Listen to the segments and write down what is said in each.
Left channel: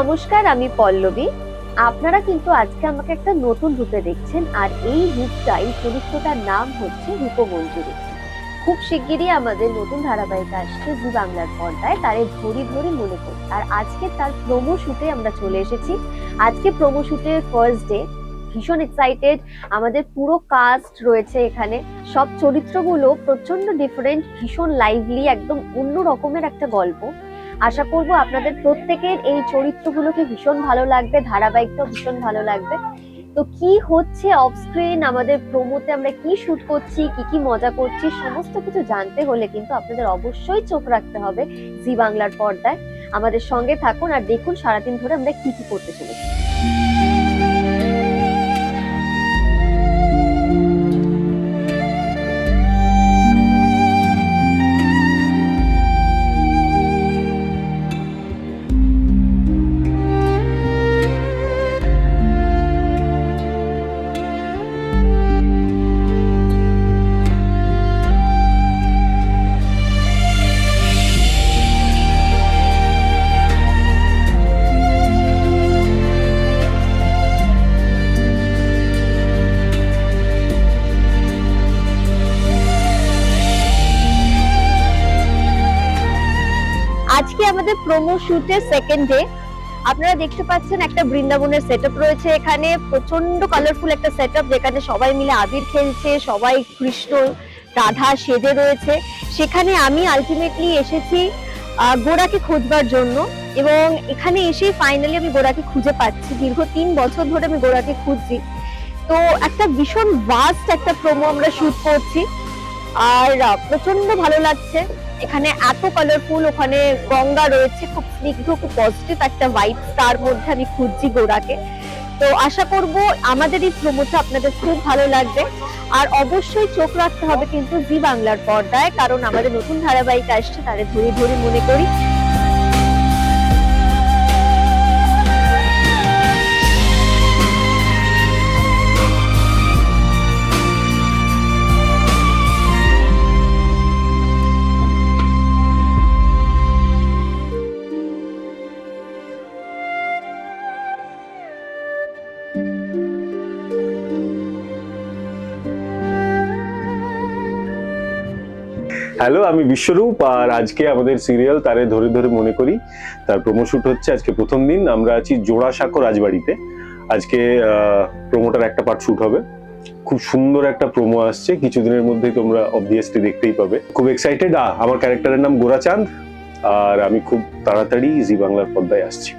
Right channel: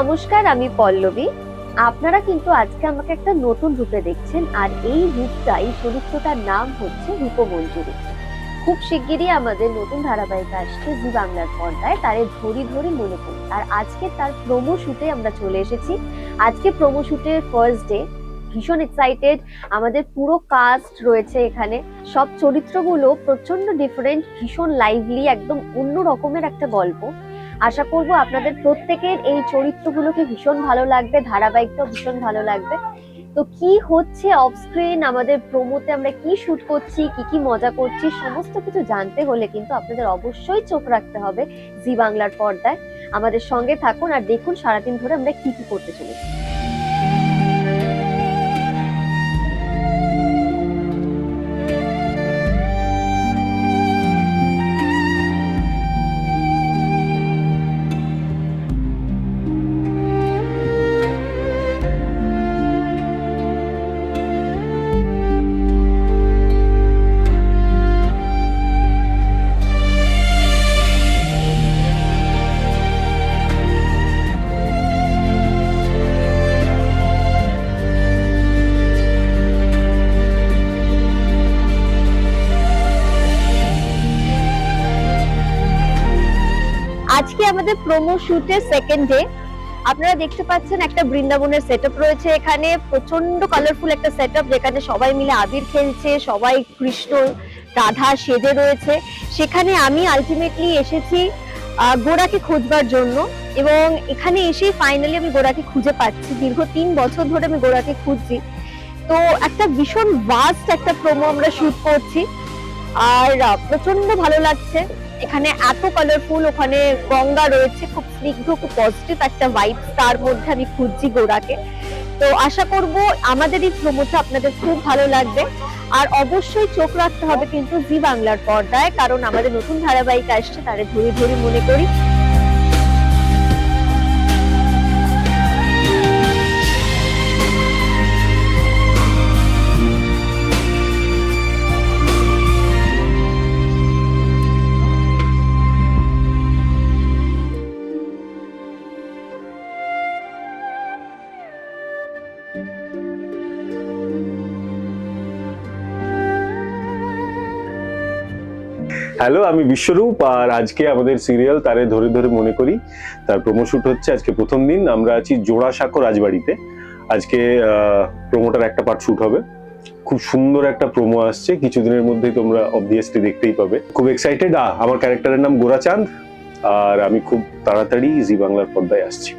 নমস্কার, আমি পল্লবী। আপনারা কিন্তু আজকে আমাকে একটা নতুন রূপে দেখছেন, আর এই রূপটা, এই চরিত্রটার নাম হচ্ছে রূপমঞ্জুরি। খুব শিগগিরই আমাদের নতুন ধারাবাহিক আসছে জি বাংলার পর্দায়, তারে ধরি ধরি মনে করি। আর আজকে তার প্রোমো শুটে আমরা চলে এসেছি। আজকে প্রোমো শুটের ফার্স্ট ডে, ভীষণ এক্সাইটেড। আমাদের পুরো কাস্ট রয়েছে এখানে। সব চরিত্রগুলো প্রচন্ড ডিফারেন্ট, ভীষণ লাইভলি, একদম অন্য রকমের একটা গল্প। আশা করব আপনাদের প্রত্যেকের এই চরিত্রগুলোকে ভীষণ ভালো লাগবে, ধারাবাহিকটাও ভীষণ ভালো লাগবে। তো কি হচ্ছে অফ স্ক্রিন, আমাদের প্রোমোতে আমরা কি শুট করছি, কি কি মজা করছি, সমস্ত কিছু জানতে হলে কিন্তু আপনাদের অবশ্যই চোখ রাখতে হবে জি বাংলার পর্দায়। আমাদের সঙ্গে থাকুন আর দেখুন সারাদিন ধরে আমরা কি কি করতে চলেছি। আজকে আমাদের প্রোমো শুটের সেকেন্ড ডে। আপনারা দেখতে পাচ্ছেন একটা বৃন্দাবনের সেটআপ রয়েছে এখানে, প্রচন্ড কালারফুল একটা সেটআপ, যেখানে সবাই মিলে আবির খেলছে, সবাই কৃষ্ণ রাধা সেজে রয়েছে। সেখানে আমি আলটিমেটলি এসেছি গোড়াকে খোঁজবার জন্য, এবং এখানে এসে ফাইনালি আমি গোড়াকে খুঁজে পাচ্ছি। দীর্ঘ 3 বছর ধরে আমি গোড়াকে খুঁজছি। তো একটা ভীষণ ভাস্ট একটা প্রোমো আমরা শুট করছি, আর প্রচন্ড ভালো লাগছে। এখানে এত কালারফুল, ওখানে গঙ্গা রয়েছে, খুব স্নিগ্ধ, খুব পজিটিভ একটা ভাইব, তার মধ্যে আমি খুঁজছি গোড়াকে। তো আশা করব আমাদের এই প্রোমোটা আপনাদের খুব ভালো লাগবে। আর অবশ্যই চোখ রাখতে হবে কিন্তু জি বাংলার পর্দায়, কারণ আমাদের নতুন ধারাবাহিক আসছে, তারে ধরি ধরি মনে করি। হ্যালো, আমি বিশ্বরূপ, আর আজকে আমাদের সিরিয়াল তারে ধরে ধরে মনে করি তার প্রোমো শুট হচ্ছে। আজকে প্রথম দিন, আমরা আছি জোড়াসাঁকো রাজবাড়িতে। আজকে প্রোমোটার একটা পার্ট শুট হবে। খুব সুন্দর একটা প্রোমো আসছে, কিছুদিনের মধ্যেই তোমরা অবভিয়াসলি দেখতেই পাবে। খুব এক্সাইটেড। আমার ক্যারেক্টারের নাম গোরাচাঁদ, আর আমি খুব তাড়াতাড়ি জি বাংলার পর্দায় আসছি।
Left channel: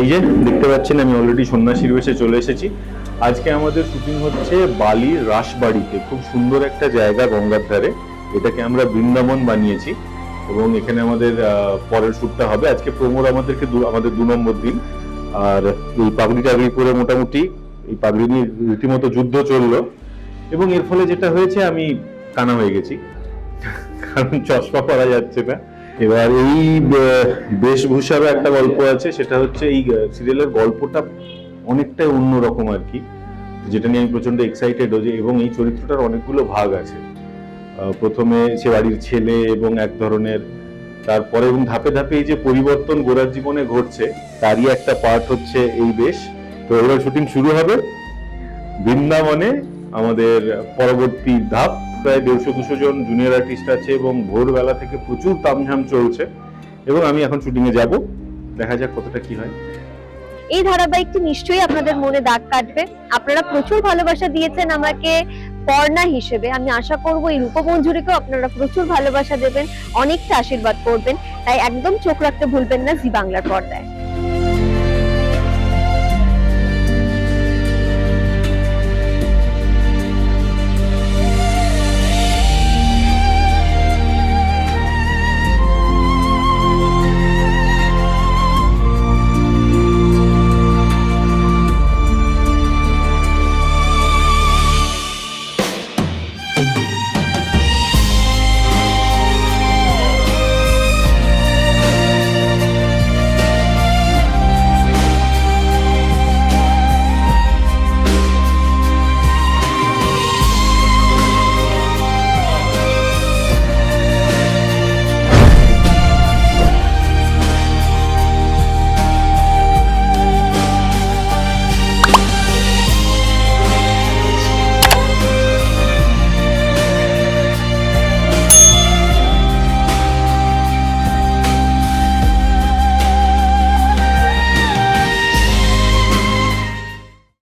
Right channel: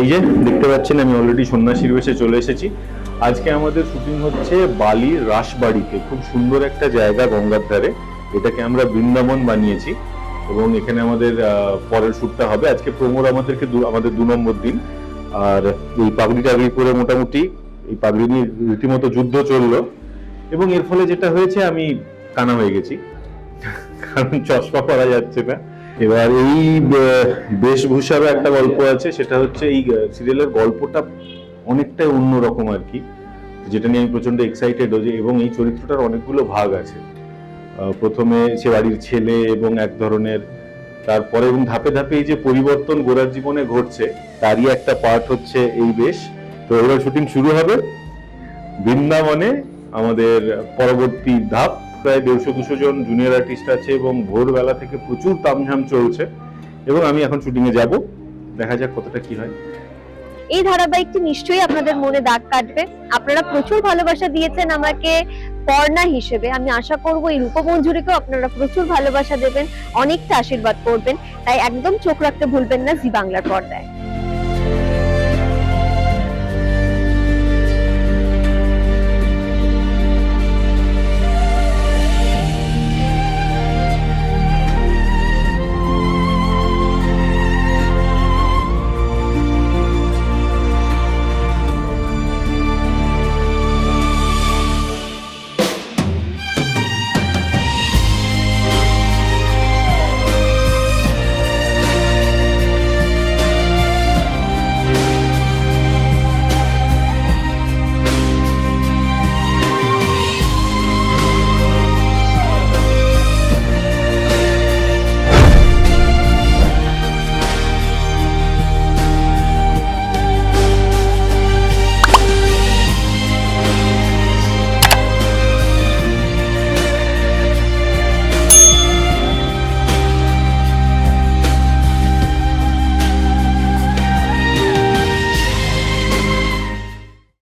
এই যে দেখতে পাচ্ছেন, আমি অলরেডি সন্ন্যাসীর বেশে চলে এসেছি। আজকে আমাদের শুটিং হচ্ছে বালির রাসবাড়িতে, খুব সুন্দর একটা জায়গা গঙ্গার ধারে। এটাকে আমরা বৃন্দাবন বানিয়েছি, এবং এখানে আমাদের পরের শ্যুটটা হবে। আজকে প্রমোর আমাদের 2 নম্বর দিন। আর এই পাগড়ি টাগড়ি পরে মোটামুটি এই পাগড়ি নিয়ে রীতিমতো যুদ্ধ চললো, এবং এর ফলে যেটা হয়েছে, আমি কানা হয়ে গেছি, কারণ চশমা পরা যাচ্ছে না। এবার এই বেশভূষারও একটা গল্প আছে, সেটা হচ্ছে এই সিরিয়ালের গল্পটা অনেকটাই অন্যরকম আর কি, যেটা নিয়ে আমি প্রচন্ড এক্সাইটেড হয়েছি। এবং এই চরিত্রটার অনেকগুলো ভাগ আছে। প্রথমে সে বাড়ির ছেলে এবং এক ধরনের, তারপরে এবং ধাপে ধাপে এই যে পরিবর্তন গোরার জীবনে ঘটছে, তারই একটা পার্ট হচ্ছে এই বেশ। তো এবার শুটিং শুরু হবে বৃন্দাবনে। আমাদের পরবর্তী ধাপ, প্রায় 150-200 জন জুনিয়র আর্টিস্ট আছে, এবং ভোরবেলা থেকে প্রচুর তামঝাম চলছে। এবং আমি এখন শুটিং এ যাব, দেখা যাক কতটা কি হয়। এই ধারাবাহিকটি নিশ্চয়ই আপনাদের মনে দাগ কাটবে। আপনারা প্রচুর ভালোবাসা দিয়েছেন আমাকে পর্ণা হিসেবে, আমি আশা করব এই রূপমঞ্জুরিকেও আপনারা প্রচুর ভালোবাসা দেবেন, অনেকটা আশীর্বাদ করবেন। তাই একদম চোখ রাখতে ভুলবেন না জি বাংলার পর্দায়।